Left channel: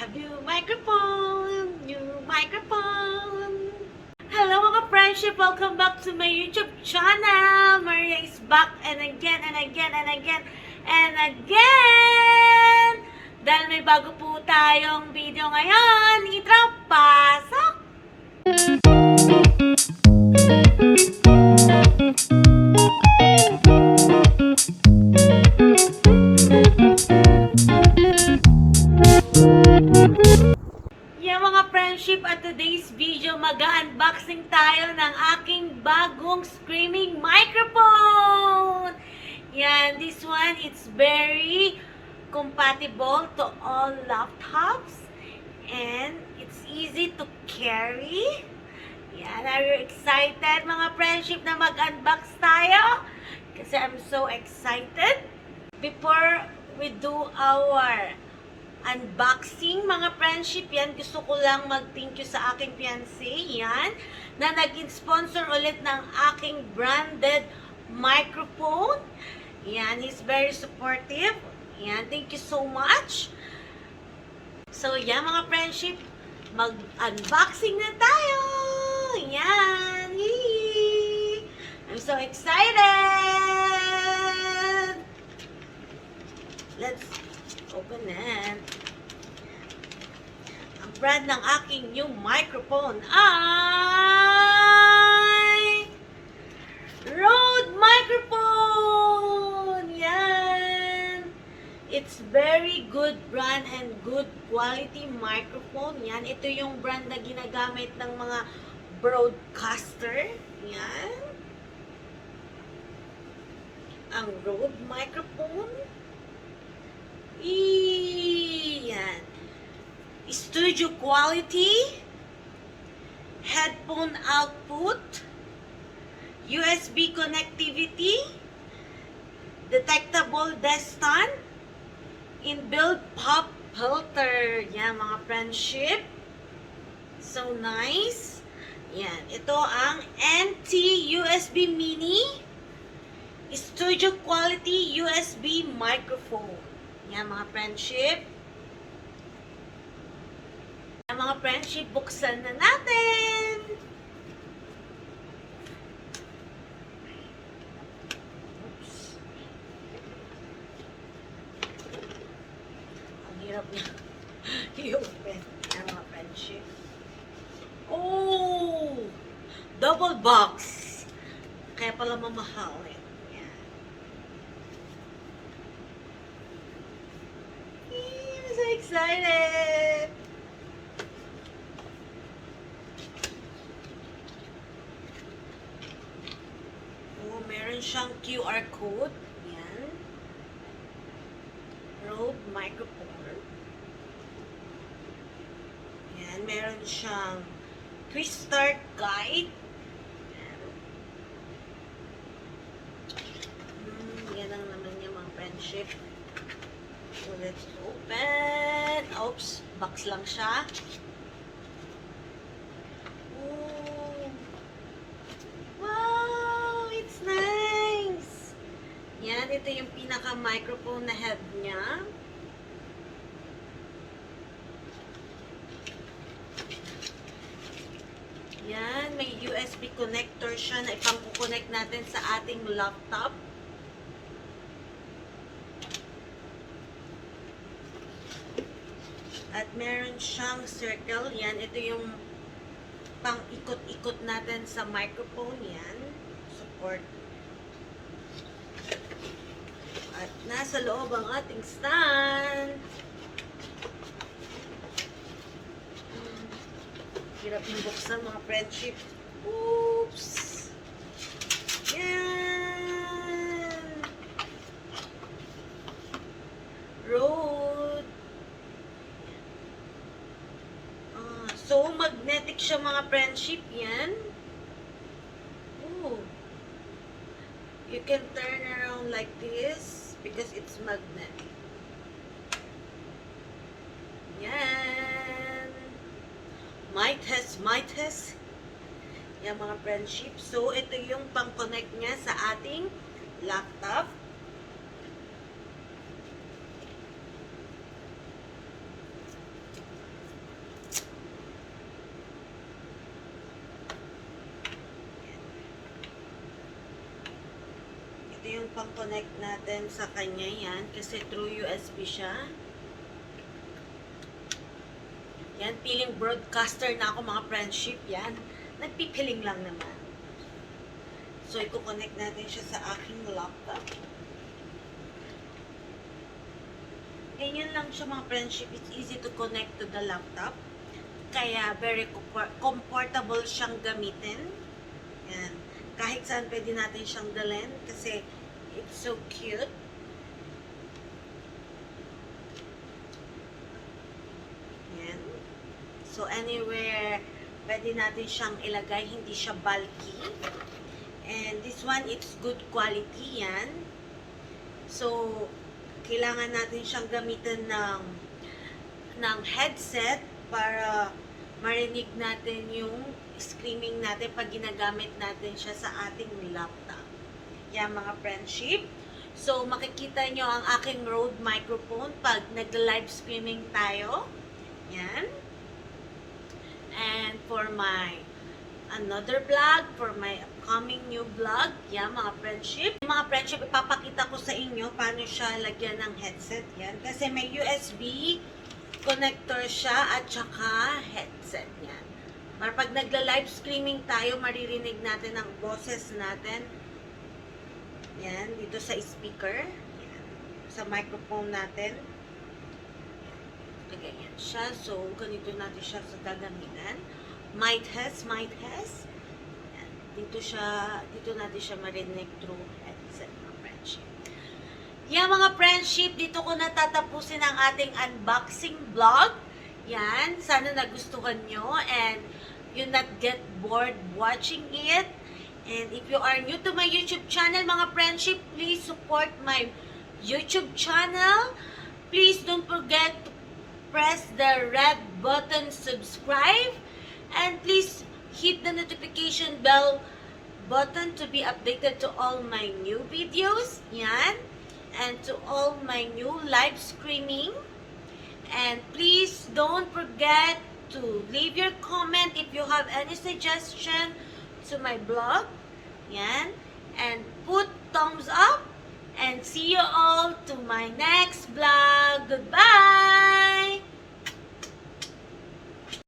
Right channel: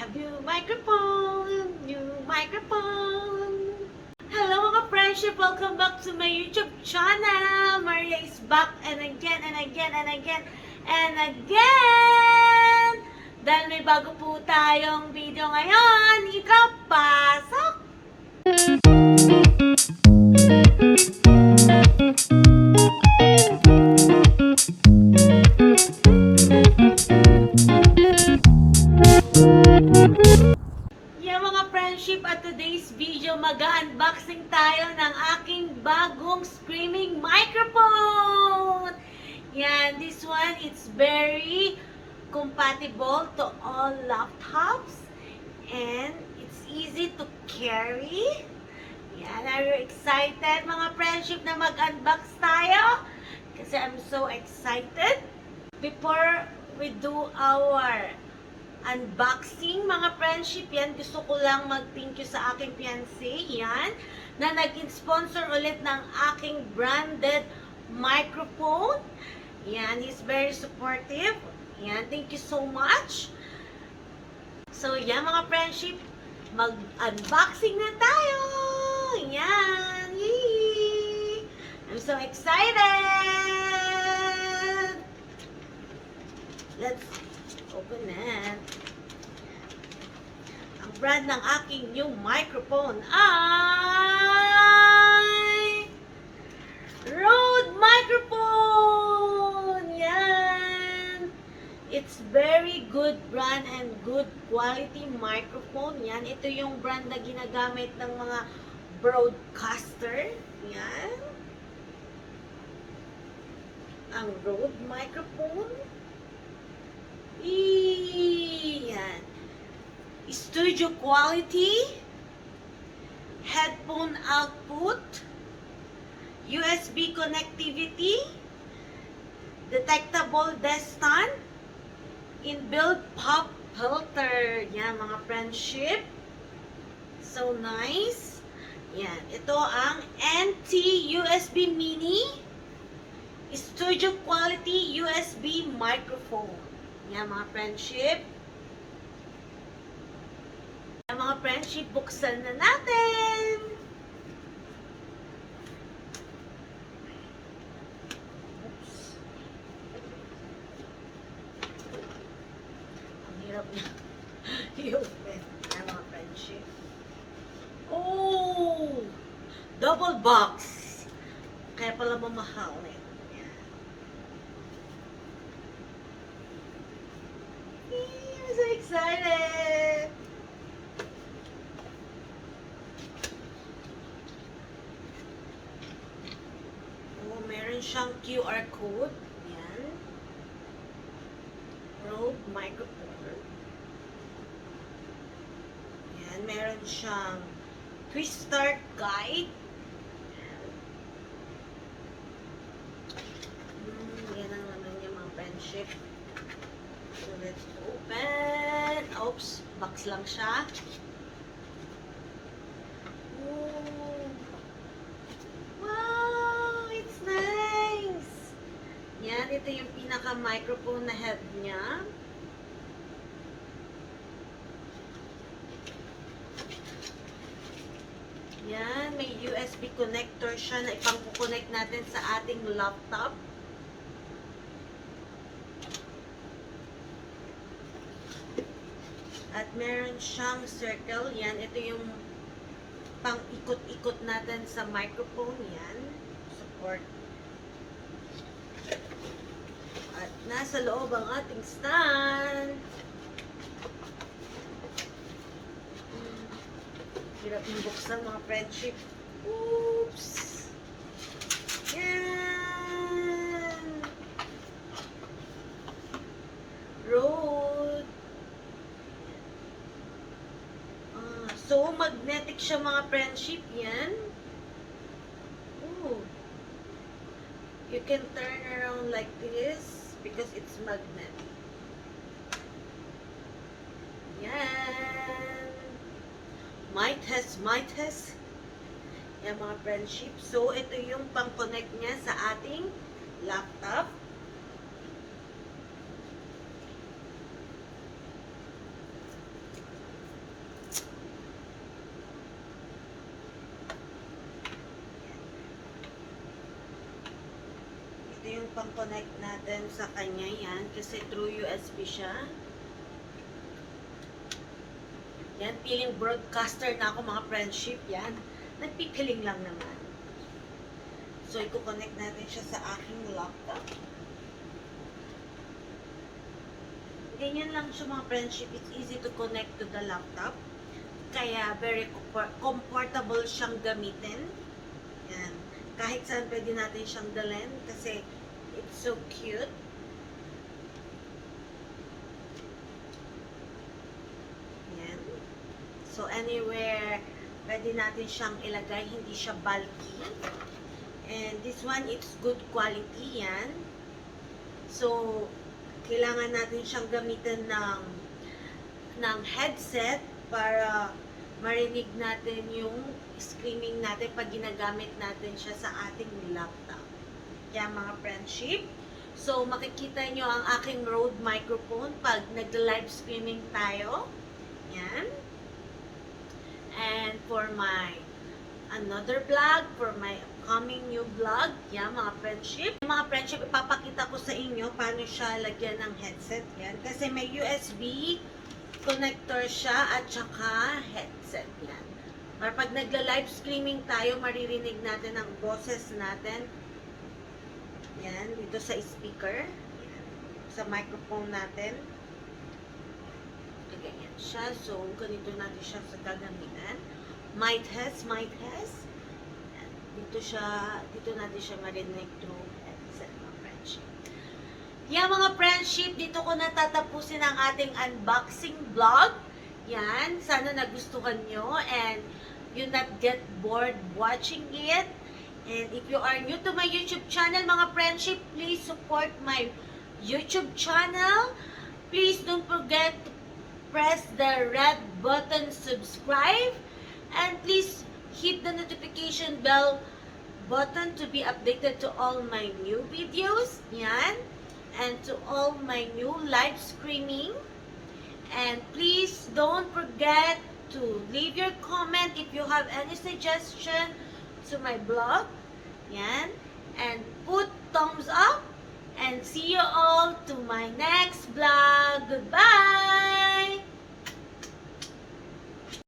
have new microphone, new microphone. Hello mga friendship, welcome back to my YouTube channel. Maria is back and again and again and again and again. Dahil may bago po tayong video ngayon, intro, pasok! Yeah mga friendship, at today's video mag-unboxing tayo ng aking bagong streaming microphone. Yan, this one it's very compatible to all laptops and it's easy to carry. Yan, are you excited mga friendship na mag-unbox tayo? Kasi I'm so excited. Before we do our unboxing mga friendship, yan, gusto ko lang mag-thank you sa aking fiancé, yan, na nag-sponsor ulit ng aking branded microphone. Yan, he's very supportive. Yan, thank you so much. So, yan mga friendship, mag-unboxing na tayo. Yan, yee! I'm so excited. Let's open it. Ang brand ng aking new microphone ay Rode microphone. Yan. It's very good brand and good quality microphone. Yan. Ito yung brand na ginagamit ng mga broadcaster. Yan. Ang Rode microphone. Yan. Studio quality, headphone output, USB connectivity, detectable desk stand, inbuilt pop filter. Yan mga friendship. So nice. Yan. Ito ang NT USB mini studio quality USB microphone. Yan mga friendship. Yan mga friendship, buksan na natin. Oops. Ang hirap na i-open. Yan mga friendship. Oh! Double box. Kaya pala mamahal eh. I'm so excited! Oh, meron siyang QR code. Yan. Rode microphone. Yan. Meron siyang quick start guide. Yan ang naman niya mga friendship. So, let's open. Oops, box lang siya. Ooh. Wow, it's nice. Yan, ito yung pinaka-microphone na head niya. Yan, may USB connector siya na ipang-connect natin sa ating laptop. At meron siyang circle. Yan, ito yung pang-ikot-ikot natin sa microphone. Yan, support. At nasa loob ang ating stand. Hirap yung buksan mga friendship. Oops! Yan! Rode. So, magnetic siya mga friendship. Yan. Ooh. You can turn around like this because it's magnetic. Yan. Mic test, mic test. Yan mga friendship. So, ito yung pang-connect niya sa ating laptop. ipang-connect natin sa kanya yan kasi through USB siya. Yan, feeling broadcaster na ako mga friendship yan. Nagpipiling lang naman. So, i-connect natin siya sa aking laptop. Ganyan lang siya mga friendship. It's easy to connect to the laptop. Kaya very comfortable siyang gamitin. Yan. Kahit saan pwede natin siyang dalhin kasi it's so cute. Yan. So anywhere pwede natin siyang ilagay, hindi siya bulky. And this one, it's good quality yan. So kailangan natin siyang gamitin ng headset para marinig natin yung screaming natin pag ginagamit natin siya sa ating laptop. Yan mga friendship. So makikita nyo ang aking Rode microphone pag nag-live streaming tayo. Yan. And for my another vlog, for my upcoming new vlog, yan mga friendship. Mga friendship, ipapakita ko sa inyo paano siya lagyan ng headset. Yan. Kasi may USB connector siya at saka headset yan. Para pag nagla-live streaming tayo, maririnig natin ang boses natin. Yan, dito sa speaker. Yan, sa microphone natin. Ganyan siya. So, ganito natin siya sa gagamitan. Might has. Yan, dito natin siya marinig through headset mga friendship. Yan mga friendship, dito ko natatapusin ang ating unboxing vlog. Yan, sana nagustuhan nyo and you not get bored watching it. And if you are new to my YouTube channel, mga friendship, please support my YouTube channel. Please don't forget to press the red button, subscribe, and please hit the notification bell button to be updated to all my new videos. Yan. And to all my new live streaming. And please don't forget to leave your comment if you have any suggestion to my blog. Yan. And put thumbs up. And see you all to my next vlog. Goodbye!